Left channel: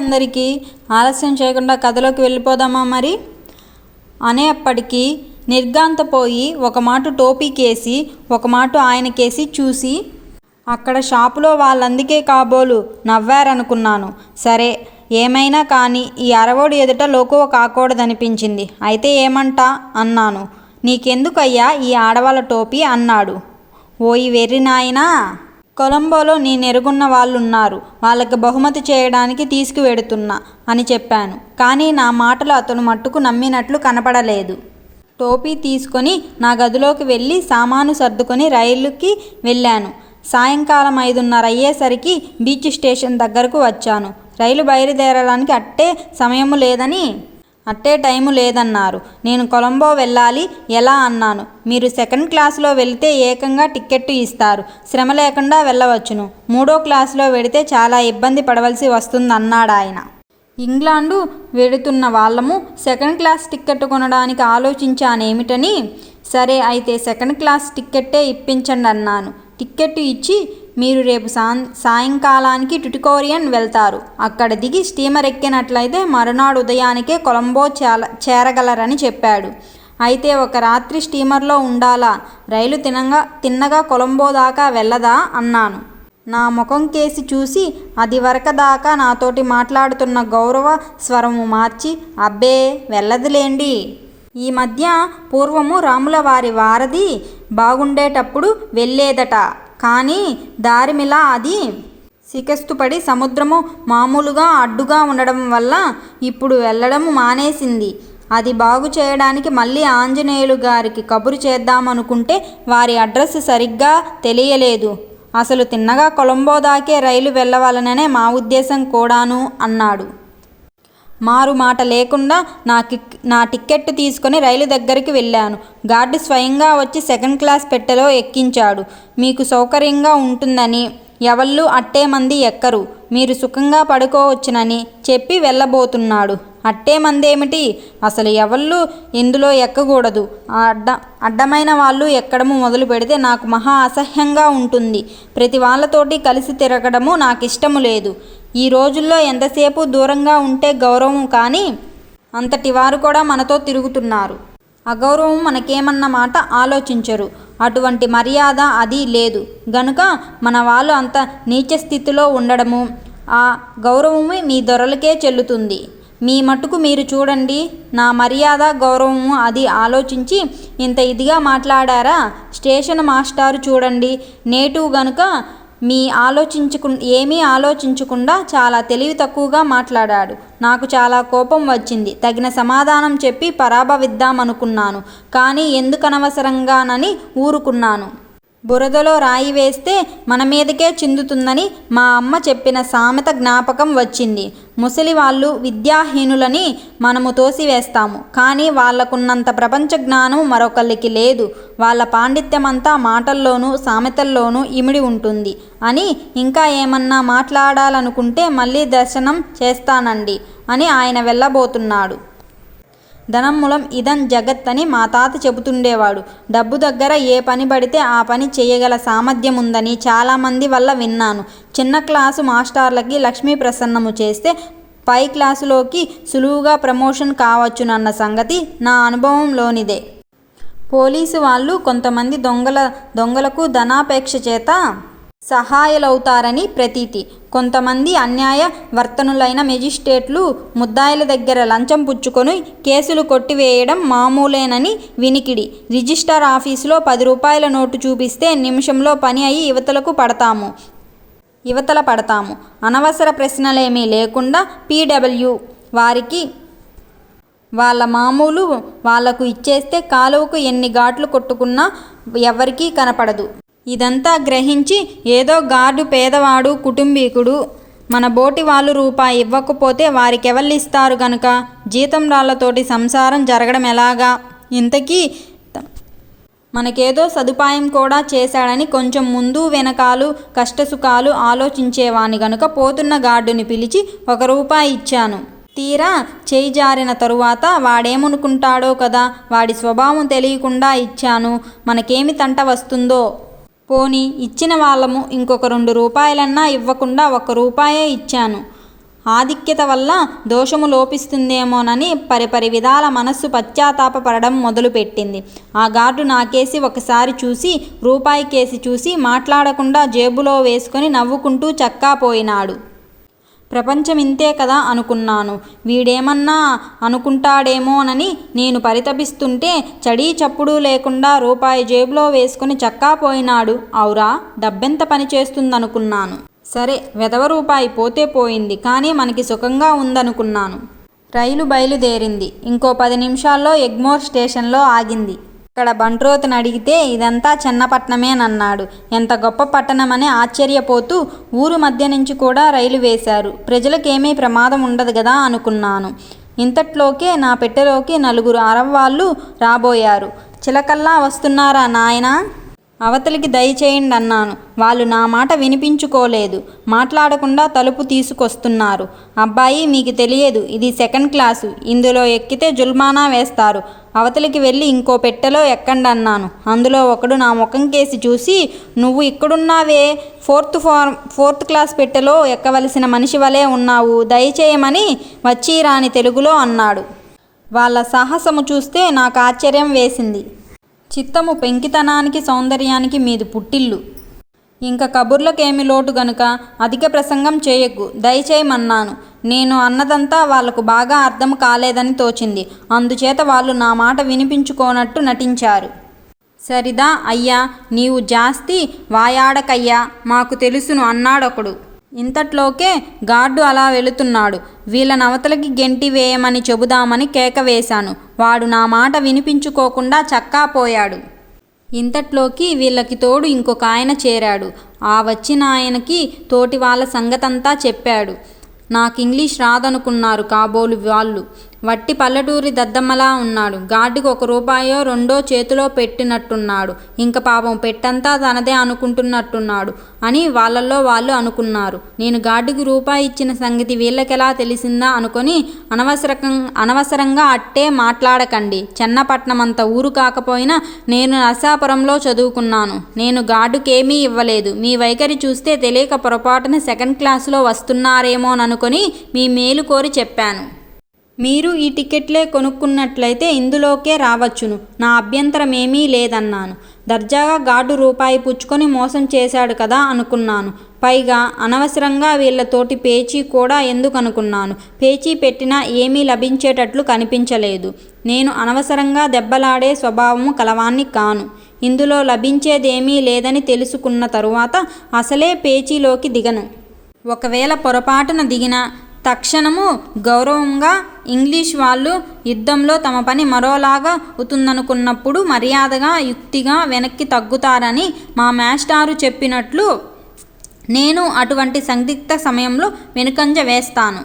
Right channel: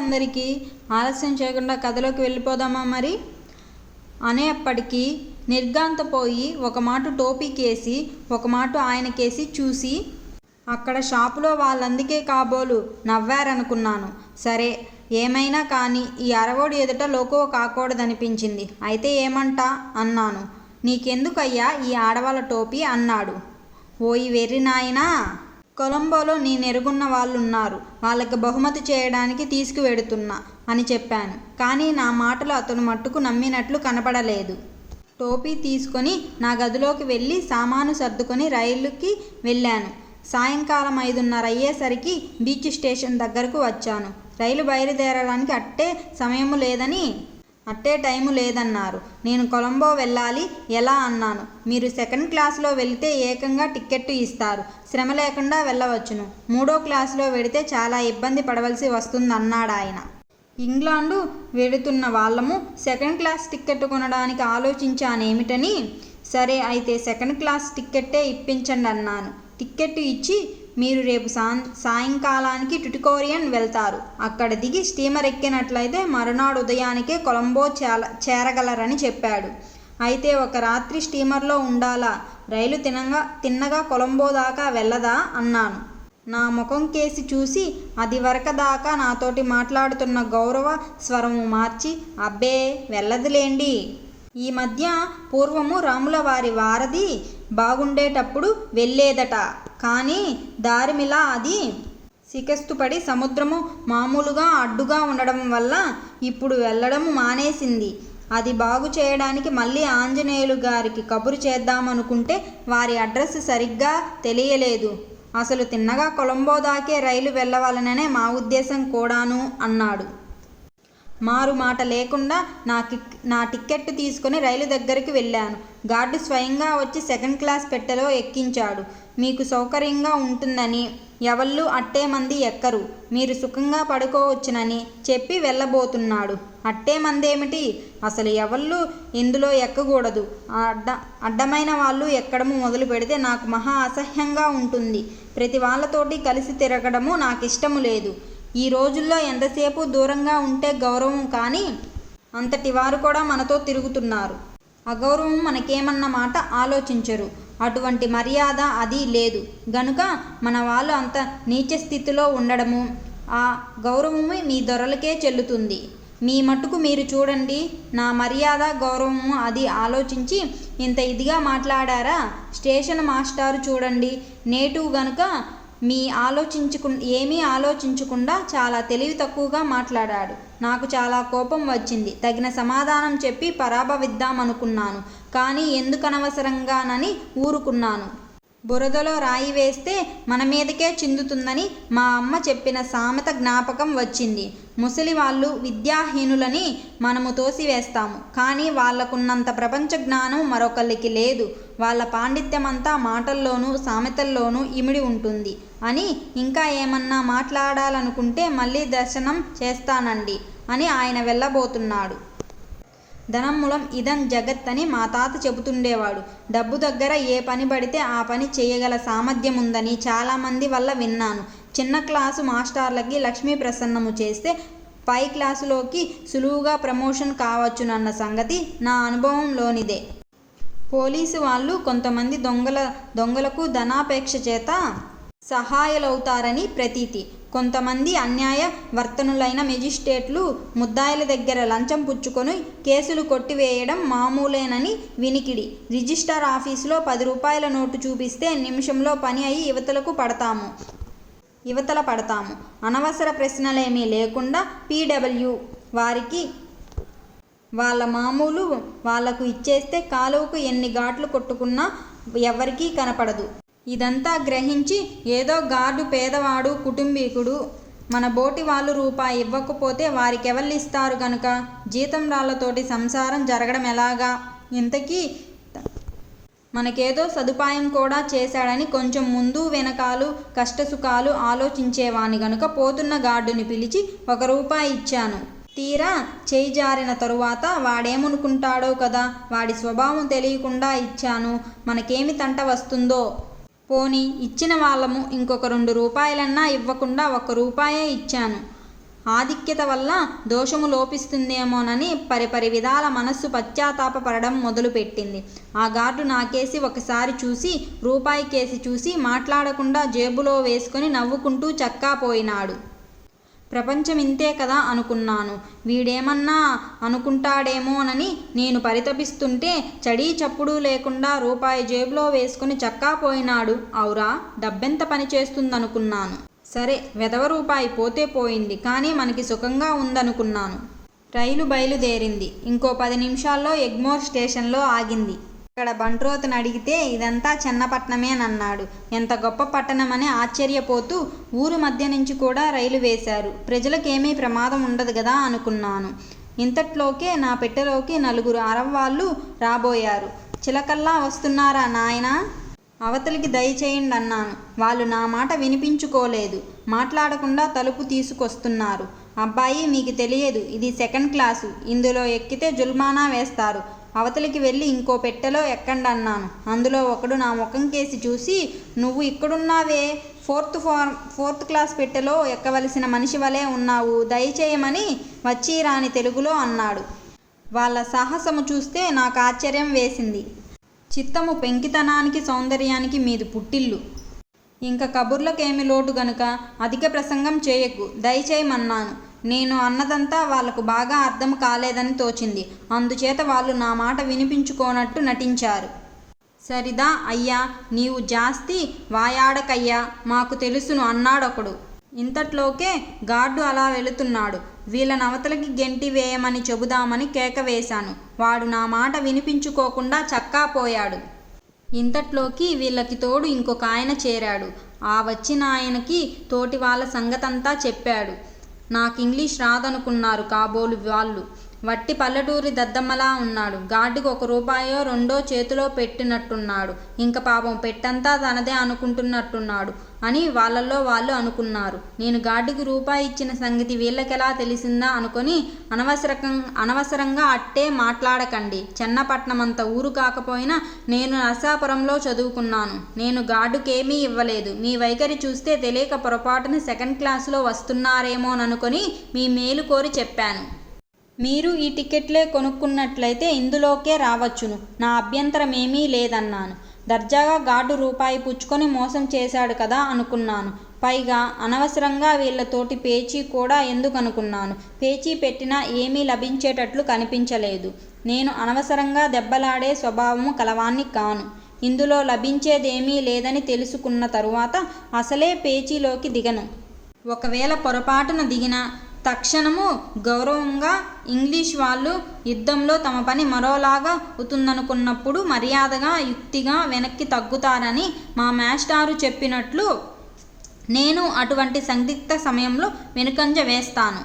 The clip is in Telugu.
అందరికీ. ఆలస్యం చేయకుండా కథలోకి వెళ్ళిపోదామా మరి అనేప్పటికీ నిర్ఘాంతపోయి ఒక మాట టోపీకేసి ఒక మాట ఆయనకేసి చూసి అక్కడ షాపులో వాళ్ళందుకే కాబోలు నవ్వారనుకున్నాను. సరే ఏమైనా కానీ ఈ అరవోడు ఎదుట లోకువ కాకూడదనిపించింది. అయితే ఏమంటా అన్నాను. నీకెందుకయ్యా ఈ ఆడవాళ్ళ టోపీ అన్నాడు. ఓయి వెర్రి నాయనా, కొలంబోలో నేనెరుగున్న వాళ్ళున్నారు, వాళ్ళకి బహుమతి చేయడానికి తీసుకువెడుతున్నా అని చెప్పాను. కానీ నా మాటలు అతను మట్టుకు నమ్మినట్లు కనపడలేదు. టోపీ తీసుకొని నా గదిలోకి వెళ్ళి సామాను సర్దుకొని రైలుకి వెళ్ళాను. సాయంకాలం 5:30 అయ్యేసరికి బీచ్ స్టేషన్ దగ్గరకు వచ్చాను. రైలు బయలుదేరడానికి అట్టే టైము లేదన్నారు. నేను కొలంబో వెళ్ళాలి ఎలా అన్నాను. మీరు సెకండ్ క్లాసులో వెళితే ఏకంగా టిక్కెట్టు ఇస్తారు, శ్రమ లేకుండా వెళ్ళవచ్చును. 3వ క్లాసులో వెడితే చాలా ఇబ్బంది పడవలసి వస్తుందన్నాడాయన. ఇంగ్లాండు వెడుతున్న వాళ్ళము సెకండ్ క్లాస్ టిక్కెట్టు కొనడానికి ఆలోచించానేమిటని. సరే అయితే సెకండ్ క్లాస్ టిక్కెట్టే ఇప్పించండి అన్నాను. టిక్కెట్టు ఇచ్చి మీరు రేపు సాయంకాలానికి ట్యుటోరియన్ వెళ్తారు. అక్కడ దిగి స్టీమర్ ఎక్కినట్లయితే మరునాడు ఉదయానికే కొలంబో చేరగలరని చెప్పాడు. అయితే ఒక రాత్రి స్టీమర్లో ఉండాలా? రైలు తిన్నగా కొలంబో దాకా వెళ్ళదా అన్నాను. నా ముఖం కేసి చూసి అది వరకదాకా నాతోటి మాట్లాడుతున్న గౌరవ స్వరము మార్చి అబ్బే వెళ్ళదులేండి. ఈ మధ్య పూర్వము రాముల వారి వారధి బాగుండేటప్పుడు వెళ్ళేదట. కానీ దారిమిలా అది శికస్తుపడి సముద్రము మామూలుగా అడ్డుగా ఉండడం వల్ల ఇప్పుడు వెళ్ళడం మానేసింది. అది బాగు చేయడానికి మళ్ళీ ఆంజనేయులు గారికి కబురు చేద్దామనుకుంటే వారి అడ్రస్ సరిగ్గా తెలియలేదు. అసలు తిన్నగా కొలంబో దాకే రైలు వెళ్ళవాలననే మా ఉద్దేశం కూడాను అన్నాడు. మారు మాట లేకుండా నా టిక్కెట్టు తీసుకొని రైలు దగ్గరికి వెళ్ళాను. గార్డు స్వయంగా వచ్చి సెకండ్ క్లాస్ పెట్టెలో ఎక్కించాడు. మీకు సౌకర్యంగా ఉంటుందని, ఎవళ్ళు అట్టే మంది ఎక్కరు, మీరు సుఖంగా పడుకోవచ్చునని చెప్పి వెళ్ళబోతున్నాడు. అట్టే మందేమిటి, అసలు ఎవళ్ళు ఇందులో ఎక్కకూడదు. అడ్డమైన వాళ్ళు ఎక్కడము మొదలు పెడితే నాకు మహా అసహ్యంగా ఉంటుంది. ప్రతి వాళ్ళతోటి కలిసి తిరగడము నాకిష్టము లేదు. ఈ రోజుల్లో ఎంతసేపు దూరంగా ఉంటే గౌరవం, కానీ అంతటి వారు కూడా మనతో తిరుగుతున్నారు. అగౌరవం మనకేమన్న మాట ఆలోచించరు. అటువంటి మర్యాద అది లేదు గనుక మన వాళ్ళు అంత నీచ స్థితిలో ఉండడము, ఆ గౌరవము మీ దొరలకే చెల్లుతుంది. మీ మట్టుకు మీరు చూడండి, నా మర్యాద గౌరవము అది ఆలోచించి ఇంత ఇదిగా మాట్లాడారా? స్టేషన్ మాస్టారు చూడండి, నేటివ్ గనుక ఏమీ ఆలోచించకుండా చాలా తెలివి తక్కువగా మాట్లాడాడు. నాకు చాలా కోపం వచ్చింది. తగిన సమాధానం చెప్పి పరాభవిద్దామనుకున్నాను. కానీ ఎందుకనవసరంగానని ఊరుకున్నాను. బురదలో రాయి వేస్తే మన మీదకే చిందుతుందని మా అమ్మ చెప్పిన సామెత జ్ఞాపకం వచ్చింది. ముసలి వాళ్ళు విద్యాహీనులని మనము తోసివేస్తాము, కానీ వాళ్లకున్నంత ప్రపంచ జ్ఞానం మరొకళ్ళకి లేదు. వాళ్ళ పాండిత్యమంతా మాటల్లోనూ సామెతల్లోనూ ఇమిడి ఉంటుంది అని. ఇంకా ఏమన్నా మాట్లాడాలనుకుంటే మళ్ళీ దర్శనం చేస్తానండి అని ఆయన వెళ్ళబోతున్నాడు. ధనమూలం ఇదం జగత్ అని మా తాత చెబుతుండేవాడు. డబ్బు దగ్గర ఏ పని పడితే ఆ పని చేయగల సామర్థ్యం ఉందని చాలామంది వల్ల విన్నాను. చిన్న క్లాసు మాస్టర్లకి లక్ష్మీ ప్రసన్నము చేస్తే పై క్లాసులోకి సులువుగా ప్రమోషన్ కావచ్చునన్న సంగతి నా అనుభవంలోనిదే. పోలీసు వాళ్ళు కొంతమంది దొంగలకు ధనాపేక్ష చేత సహాయులవుతారని ప్రతీతి. కొంతమంది అన్యాయ వర్తనులైన మెజిస్ట్రేట్లు ముద్దాయిల దగ్గర లంచం పుచ్చుకొని కేసులు కొట్టివేయడం మామూలేనని వినికిడి. రిజిస్టర్ ఆఫీసులో 10 రూపాయల నోటు చూపిస్తే నిమిషంలో పని అయి ఇవతల పడతాము. అనవసర ప్రశ్నలేమీ లేకుండా PW వారికి వాళ్ళ మామూలు వాళ్లకు ఇచ్చేస్తే కాలువకు ఎన్ని ఘాట్లు కొట్టుకున్నా ఎవరికీ కనపడదు. ఇదంతా గ్రహించి ఏదో గార్డు పేదవాడు కుటుంబీకుడు మన బోటి వాళ్ళు రూపాయి ఇవ్వకపోతే వారికెవళ్ళిస్తారు గనుక జీతం రాళ్లతోటి సంసారం జరగడం ఎలాగా? ఇంతకీ మనకేదో సదుపాయం కూడా చేశాడని కొంచెం ముందు వెనకాలు కష్టసుఖాలు ఆలోచించేవాని గనుక పోతున్న గార్డుని పిలిచి 1 రూపాయి ఇచ్చాను. తీరా చేయి జారిన తరువాత వాడేమనుకుంటాడో కదా, వాడి స్వభావం తెలియకుండా ఇచ్చాను. మనకేమి తంట వస్తుందో. పోనీ ఇచ్చిన వాళ్ళము ఇంకొక 2 రూపాయలన్నా ఇవ్వకుండా 1 రూపాయే ఇచ్చాను. ఆధిక్యత వల్ల దోషము లోపిస్తుందేమోనని పరిపరి విధాల మనస్సు పశ్చాత్తాపపడడం మొదలుపెట్టింది. ఆ గార్డు నాకేసి ఒకసారి చూసి, రూపాయి కేసి చూసి మాట్లాడకుండా జేబులో వేసుకొని నవ్వుకుంటూ చక్కా పోయినాడు. ప్రపంచం ఇంతే కదా అనుకున్నాను. వీడేమన్నా అనుకుంటాడేమోనని నేను పరితపిస్తుంటే చడీ చప్పుడు లేకుండా రూపాయి జేబులో వేసుకుని చక్కా పోయినాడు. ఔరా, డబ్బెంత పని చేస్తుందనుకున్నాను. సరే, వెధవ రూపాయి పోతే పోయింది, కానీ మనకి సుఖంగా ఉందనుకున్నాను. రైలు బయలుదేరింది. ఇంకో 10 నిమిషాల్లో ఎగ్మోర్ స్టేషన్లో ఆగింది. అక్కడ బంట్రోతుని అడిగితే ఇదంతా చిన్నపట్నమేనన్నాడు. ఎంత గొప్ప పట్టణమని ఆశ్చర్యపోతూ ఊరు మధ్య నుంచి కూడా రైలు వేశారు. ప్రజలకేమీ ప్రమాదం ఉండదు కదా అనుకున్నాను. ఇంతట్లోకే నా పెట్టెలోకి 4 అరవ్వాళ్ళు రాబోయారు. చిలకల్లా వస్తున్నారా నాయనా, అవతలికి దయచేయండి అన్నాను. వాళ్ళు నా మాట వినిపించుకోలేదు. మాట్లాడకుండా తలుపు తీసుకొస్తున్నారు. అబ్బాయి, మీకు తెలియదు, ఇది 2nd క్లాసు. ఇందులో ఎక్కితే జుల్మానా వేస్తారు. అవతలికి వెళ్ళి ఇంకో పెట్టెలో ఎక్కండి అన్నాను. అందులో ఒకడు నా ముఖం కేసి చూసి, నువ్వు ఇక్కడున్నావే, 4th క్లాస్ పెట్టెలో ఎక్కవలసిన మనిషి వలె ఉన్నావు, దయచేయమని వచ్చి రాని తెలుగులో అన్నాడు. వాళ్ళ సాహసము చూస్తే నాకు ఆశ్చర్యం వేసింది. చిత్తము పెంకితనానికి సౌందర్యానికి మీది పుట్టిల్లు. ఇంక కబుర్లకేమి లోటు గనుక అధిక ప్రసంగం చేయకు, దయచేయమన్నాను. నేను అన్నదంతా వాళ్లకు బాగా అర్థం కాలేదని తోచింది. అందుచేత వాళ్ళు నా మాట వినిపించుకోనట్టు నటించారు. సరిదా అయ్యా, నీవు జాస్తి వాయాడకయ్యా, మాకు తెలుసును అన్నాడొకడు. ఇంతట్లోకే గార్డు అలా వెళుతున్నాడు. వీళ్ళని అవతలకి గెంటి వేయమని చెబుదామని కేక వేశాను. వాడు నా మాట వినిపించుకోకుండా చక్కా పోయాడు. ఇంతట్లోకి వీళ్ళకి తోడు ఇంకొక ఆయన చేరాడు. ఆ వచ్చిన ఆయనకి తోటి వాళ్ళ సంగతంతా చెప్పాడు. నాకు ఇంగ్లీష్ రాదనుకున్నారు కాబోలు వాళ్ళు. వట్టి పల్లెటూరి దద్దమ్మలా ఉన్నాడు. గార్డుకి 1 రూపాయో 2 చేతిలో పెట్టినట్టున్నాడు. ఇంక పాపం పెట్టంతా తనదే అనుకుంటున్నట్టున్నాడు అని వాళ్ళల్లో వాళ్ళు అనుకున్నారు. నేను గార్డుకి రూపాయి ఇచ్చిన సంగతి వీళ్ళకెలా తెలిసిందా అనుకొని, అనవసరంగా అట్టే మాట్లాడకండి. చెన్నపట్నం ఊరు కాకపోయినా నేను నరసాపురంలో చదువుకున్నాను. నేను గార్డుకేమీ ఇవ్వలేదు. మీ వైఖరి చూస్తే తెలియక పొరపాటున 2nd క్లాసులో వస్తున్నారేమోననుకొని మీ మేలు కోరి చెప్పాను. మీరు ఈ టికెట్లే కొనుక్కున్నట్లయితే ఇందులోకే రావచ్చును. నా అభ్యంతరమేమీ లేదన్నాను. దర్జాగా గార్డు రూపాయి పుచ్చుకొని మోసం చేశాడు కదా అనుకున్నాను. పైగా అనవసరంగా వీళ్ళతోటి పేచీ కూడా ఎందుకనుకున్నాను. పేచీ పెట్టినా ఏమీ లభించేటట్లు కనిపించలేదు. నేను అనవసరంగా దెబ్బలాడే స్వభావము కలవాన్ని కాను. ఇందులో లభించేదేమీ లేదని తెలుసుకున్న తరువాత అసలే పేచీలోకి దిగను. ఒకవేళ పొరపాటున దిగినా తక్షణము గౌరవంగా ఇంగ్లీష్ వాళ్ళు యుద్ధంలో తమ పని మరోలాగా అవుతుందనుకున్నప్పుడు మర్యాదగా యుక్తిగా వెనక్కి తగ్గుతారని మా మాస్టారు చెప్పినట్లు నేను అటువంటి సందిగ్ధ సమయంలో వెనుకంజ వేస్తాను.